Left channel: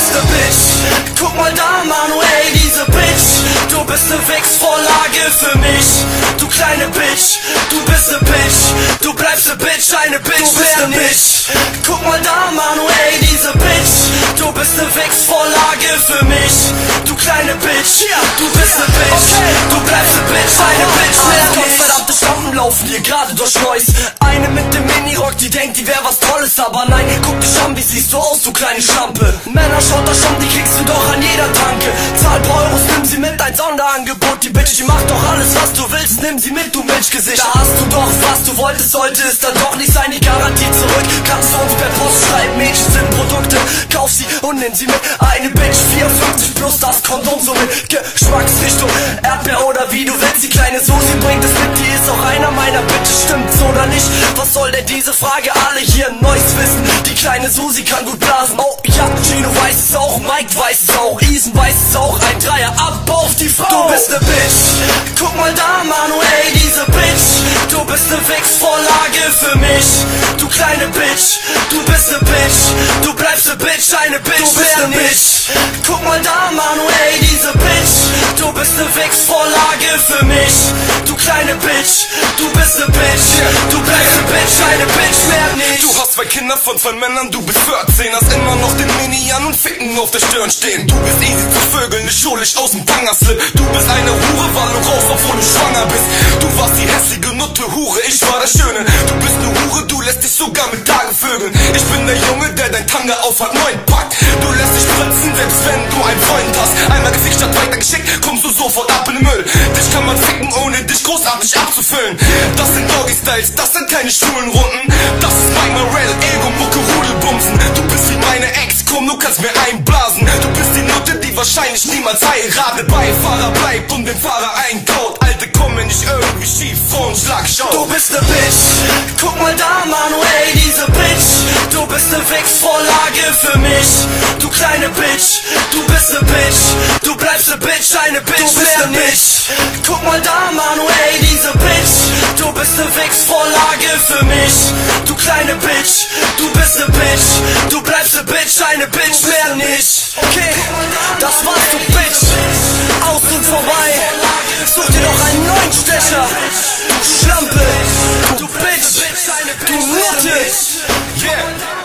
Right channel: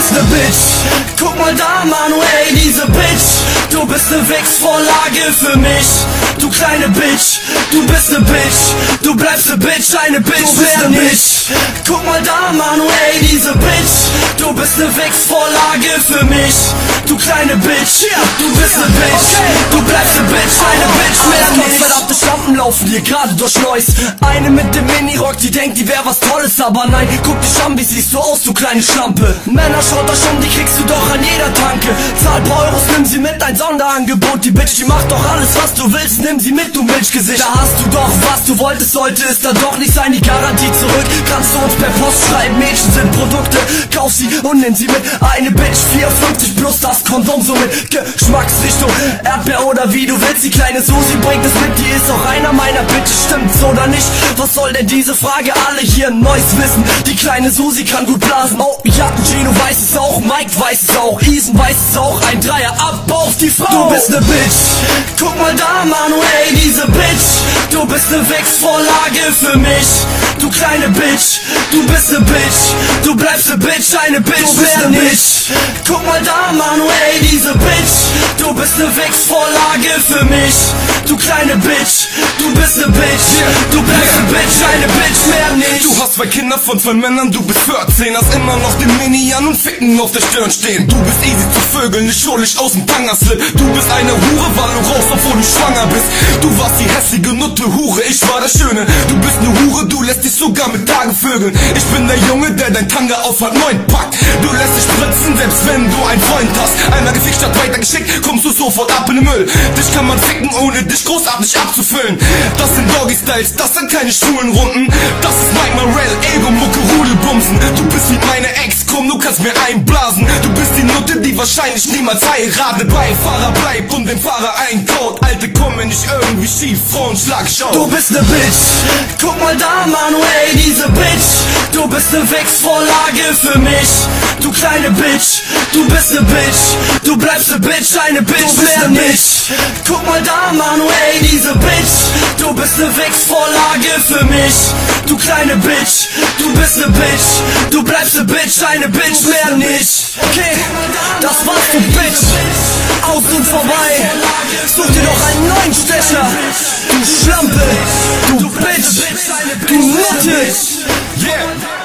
bist ne Bitch. Guck mal da, Manuel, diese Bitch. Du bist ne Wichsvorlage für mich. Du kleine Bitch, du bist ne Bitch. Du bleibst ne Bitch, eine Bitch, du bist ne Bitch. Guck mal da, Manuel, diese Bitch. Du bist ne Wichsvorlage für mich. Du kleine Bitch, du bist ne Bitch. Du bleibst ne Bitch, eine Bitch, mehr nicht. Verdammte Schlampen laufen hier gerade durch Neuss. Eine mit dem Minirock, die denkt, die wär was Tolles. Aber nein, guck dich an, wie siehst du aus, du kleine Schlampe. Männer, schaut euch um, die kriegst du doch an jeder Tanke. Zahl paar Euros, nimm sie mit, ein Sonderangebot. Die Bitch, die macht doch alles, was du willst, nimm sie mit, du Milchgesicht. Da hast du doch, was du wolltest, sollte es dann doch nicht sein. Die Garantie zurück, kannst du uns per Post schreiben. Mädchen sind Produkte, kauf sie und nimm sie mit. Eine Bitch, 54 plus, das Kondom so mit Geschmacksrichtung, Erdbeer oder wie du willst. Die kleine Susi bringt es mit, die ist auch einer meiner Bitches, stimmt's oder nicht? Was soll denn diese Frage? Alle hier ein neues Wissen. Die kleine Susi kann gut blasen. Oh ja, Gino weiß es auch, Mike weiß es auch, Isen weiß es auch. Ein Dreier ab auf die Frau. Du bist ne Bitch. Guck mal da, Manuel, diese Bitch. Du bist ne Wichsvorlage für mich. Du kleine Bitch, du bist ne Bitch. Du bleibst ne Bitch, eine Bitch, du bist ne Bitch. Guck mal da, Manuel, diese Bitch. Du bist ne Wichsvorlage für mich. Du kleine Bitch, du bist ne Bitch. Du bleibst ne Bitch, eine Bitch, mehr nicht. Du hast zwei Kinder von zwei Männern, du bist 14. Hast immer noch den Mini an und Ficken auf der Stirn stehen. Du bist easy zu vögeln, ne Schurlicht aus dem Tangerslip. Du bist eine Hure, war du raus, obwohl du schwanger bist. Du warst die hässliche Nutte Hure, ich war der Schöne. Du bist ne Hure, du lässt dich sogar mit Tagen vögeln. Ich bin der Junge, der dein Tanga aufhat, neu packt. Du lässt dich spritzen, selbst wenn du einen Freund hast. Einmal Gesicht statt weitergeschickt, kommst du sofort ab in den Müll. Dich kann man ficken, ohne dich großartig abzufüllen. Das sind Doggy-Styles, das sind keine schwulen Runden. Das ist Mike Morell, Ego-Mucke, Rudelbumsen. Du bist wie meine Ex, komm, du kannst mir einblasen. Du bist die Nutte, die wahrscheinlich niemals heiratet. Beifahrer bleibt und den Fahrer einkaut. Alte kommen nicht irgendwie schief, Frauenschlag, schau. Du bist ne Bitch. Guck mal da, Manuel, diese Bitch. Du bist ne Wichsvorlage für mich. Du kleine Bitch, du bist ne Bitch. Du bleibst ne Bitch, eine Bitch, du bist ne Bitch. Guck mal da, Manuel, diese Bitch. Du bist ne Wichsvorlage für mich. Du kleine Bitch, du bist ne Bitch. Du bleibst ne Bitch, eine Bitch, mehr nicht. Okay, das war's, du Bitch. Aus und vorbei. Such dir noch einen neuen Stecher. Du Schlampe, du Bitch, du Nutte. Yeah.